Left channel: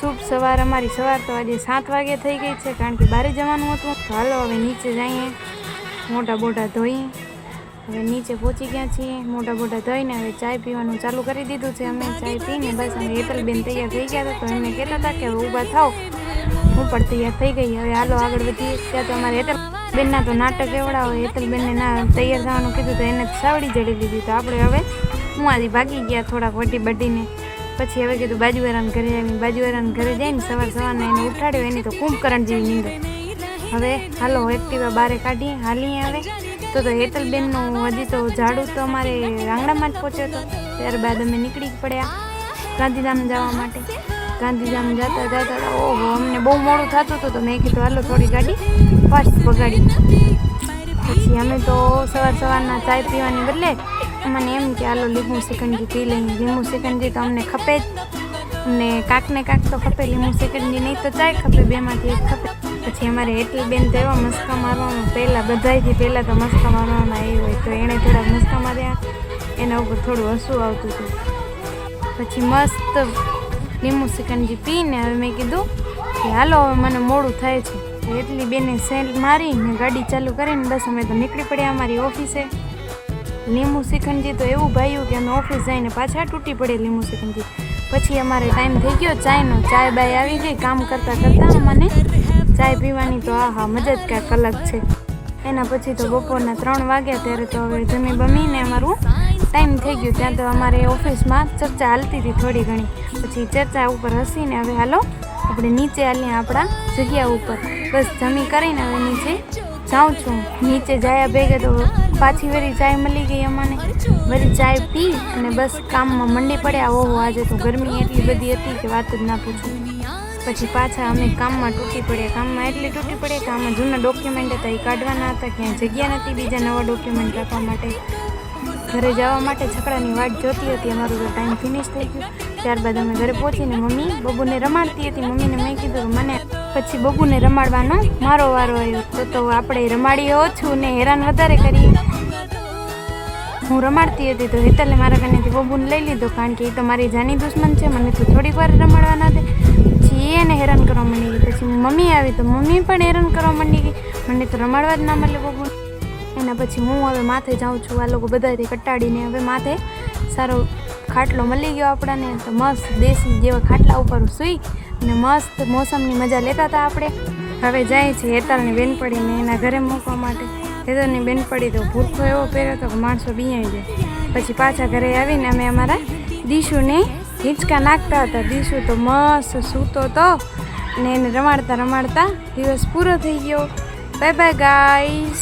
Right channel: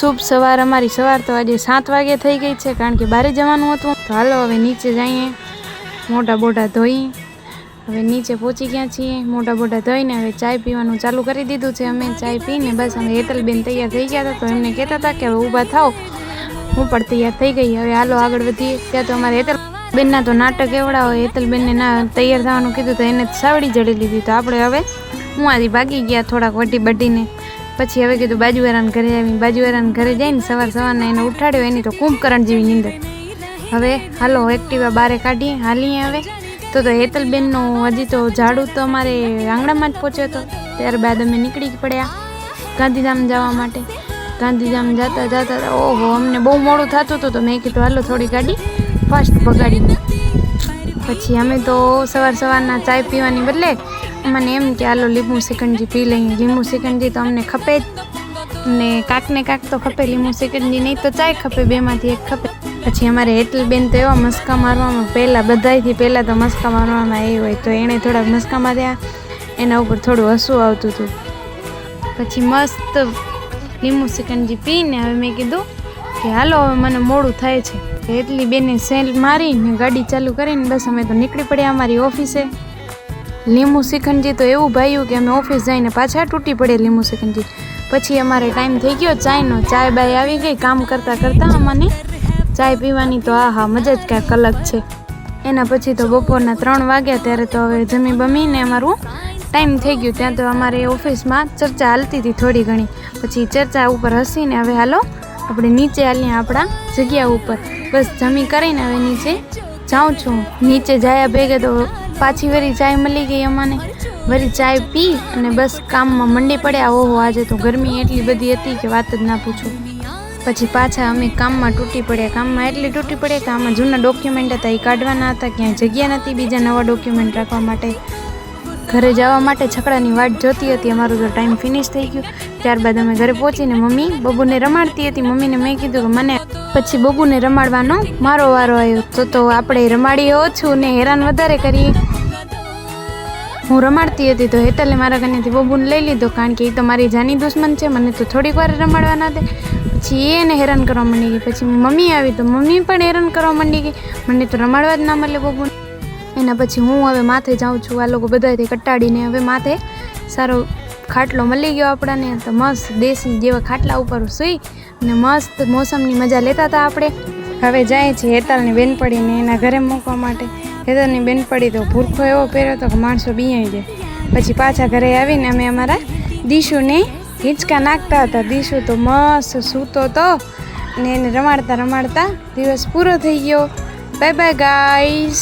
શુભ સવાર, અમારી સવાર તો આજે સાત વાગે થઈ ગઈ છે, કારણ કે બારે જવાનું હતું. તો હાલો, હવે નીચે જઈએ, મોટા બોટા ધોઈ. હવે નીચે પહોંચી ગયા છીએ, મોટા બોટા ધોઈને હવે ચાય પીવાનું ચાલુ કરી દીધું છે અમે. ચાય પીને બસ અમે હેતલબેન તૈયાર થઈ ગયા હતા, તો એમને કહેતા હતા કે હવે ઊભા થાઓ. હું પણ તૈયાર થઈ ગઈ. હવે હાલો, આગળ વધીએ. ત્યાં તો અમારે હેતલ બેનના તો નાટક એવડા હોય, હેતલબેનને ના તૈયાર થવાનું કીધું તો એને સાવડી જડી લીધી. તો આપણે હવે હું આજે ભાગી ગયા થોડાક વટી બટીને પછી હવે કીધું, બાજુવાળાને ઘરે આવી બાજુવાળાને ઘરે જઈને સવાર સવારને એને ઉઠાડ્યો, એની તો કુંભકરણ જેવી નીંદર. હવે હાલો એક્ટિવા બારે કાઢીએ, હાલીએ હવે. તો તો હેતલબેનનો હજી તો ઝાડુ તો અમારે આંગણામાં જ પહોંચ્યો હતો. ત્યારબાદ અમે નીકળી જ પડ્યા ગાંધીધામ જવા માટે. ગાંધીધામ જતા જતા, ઓહો, અમને બહુ મોડું થતું હતું તો મેં કીધું, હાલો, થોડી ગાડી ફાસ્ટ પગાડી પછી અમે તો સવાર સવારના ચાય પીવાની બદલે મને એમ કે, હાલો, લીંબુ સિકંજી પી લઈએ. લીંબુ સિકંજી તો અમને ખપે જ. ને કાંકને કાંક તો ખપે, લીંબુ સિકંજી નહીં તો ચાય ખપે, બેમાંથી એક ખપે. પછી અમારે એટલી બેન તો એવા મસ્કા મારવામાં પહેલાં, બધાયથી પહેલાં તો મસ્કા મારવામાં એ હોય તો એણે થોડાક મસ્કા માર્યા. એના ઉપર થોડું હસવું આવતું હતું. પછી મસ્ત લીંબુ સિકંજી પીને હવે મેં કીધું કે, હાલો, હવે મને મોડું થાય છે. એટલી બેને સેલ મારીને ગાડી ચાલુ કરીને બસ અમે તો નીકળી પડ્યા અમારી ઓફિસે. લીંબુ શિખંડજી તો એવું ભાયું કે અમે ઓફિસ જઈને પાછા તૂટી પડે લીંબુ સિકંજી પછી અમારે ટાઈમ થઈ ગયો ચાયનો. ચાય બાય આવી ગઈ કામ કરતાં કરતાં અમને ચાય પીવાની તો આહા મજા જ કાંઈક અલગ છે. એના પછી તો બપોરના ત્રણ વાગ્યા ત્યારે તો હવે જમી બમીને અમારું ટાઈમ થઈ ગયું. ત્યાં તો અમારે ઓફિસમાં ચર્ચા હાલતી હતી થોડી ઘણી. પછી ચર્ચા ઉપર હસીને હવે હાલો આપણે નીચે હાલીએ આપણા જગ્યા ઉપર. બસ જમી કરીને હવે નીચે જાઉં છું. નીચે જાયા ભેગે તો પાછી વળી ચાય મળી ગઈ અમને. વળી ચાય પી અને બસ કામમાં મંડી પડ્યા. ઓહો, આજે તો ગરમી એટલી બધી હતી કે વાત જ ના પૂછું. પછી પાછા અમે કામમાં તૂટી પડ્યા. કામમાં એટલી તૂટી પડ્યા કે આમાં જૂના ડોક્યુમેન્ટ હતા, એ કાઢવાના હતા. ક્યાંય જગ્યા નથી બીજા નવા ડોક્યુમેન્ટ રાખવા માટે. ઘરે જવા માટે છકડાની વાટ જોતી હતી. અમારું તો ટાઈમ ફિનિશ થઈ ગયું. ત્યારબાદ અમે ઘરે પહોંચીને મમ્મી બબુને રમાડતી હતી. મમ્મીને મેં કીધું કે મને પછી બબુને રમાડવાનો મારો વારો આવ્યો. તો તો આપણે રમાડીએ ઓછું ને હેરાન વધારે કરીએ. હું રમાડતી હતી તો હેતલે મારા કનેથી બબુને લઈ લીધો, કારણ કે એ તો મારી જાની દુશ્મન છે. મને તો થોડીક વાર રમાડવાના દે. પછી એને હેરાન કરવા માંડી ગઈ. પછી મમ્મી આવી તો મમ્મી પણ હેરાન કરવા માંડી ગઈ. મને તો રમાડવા જ ના મળે બબુને. એના પછી હું હવે માથે જાઉં છું. આ લોકો બધાથી કટાડીને હવે માથે સારો ખાટલો મળી ગયો આપણને. તો મસ્ત દેશી જેવા ખાટલા ઉપર સૂઈ અને મસ્ત મોસમની મજા લેતા હતા આપણે. હવે જાય છે હેતાલની બેનપડીને એના ઘરે મૂકવા માટે. હેતલની બેનપડી તો ભૂરખો એવો પહેર્યો હતો કે માણસો બિયાઈ જાય. પછી પાછા ઘરે આવીને અમે અમારા દીશુને હિંચકા નાખતા હતા. દીશુ તો મસ્ત સૂતો હતો ને એને રમાડતા રમાડતા દિવસ પૂરો થઈ ગયો. Bye bye guys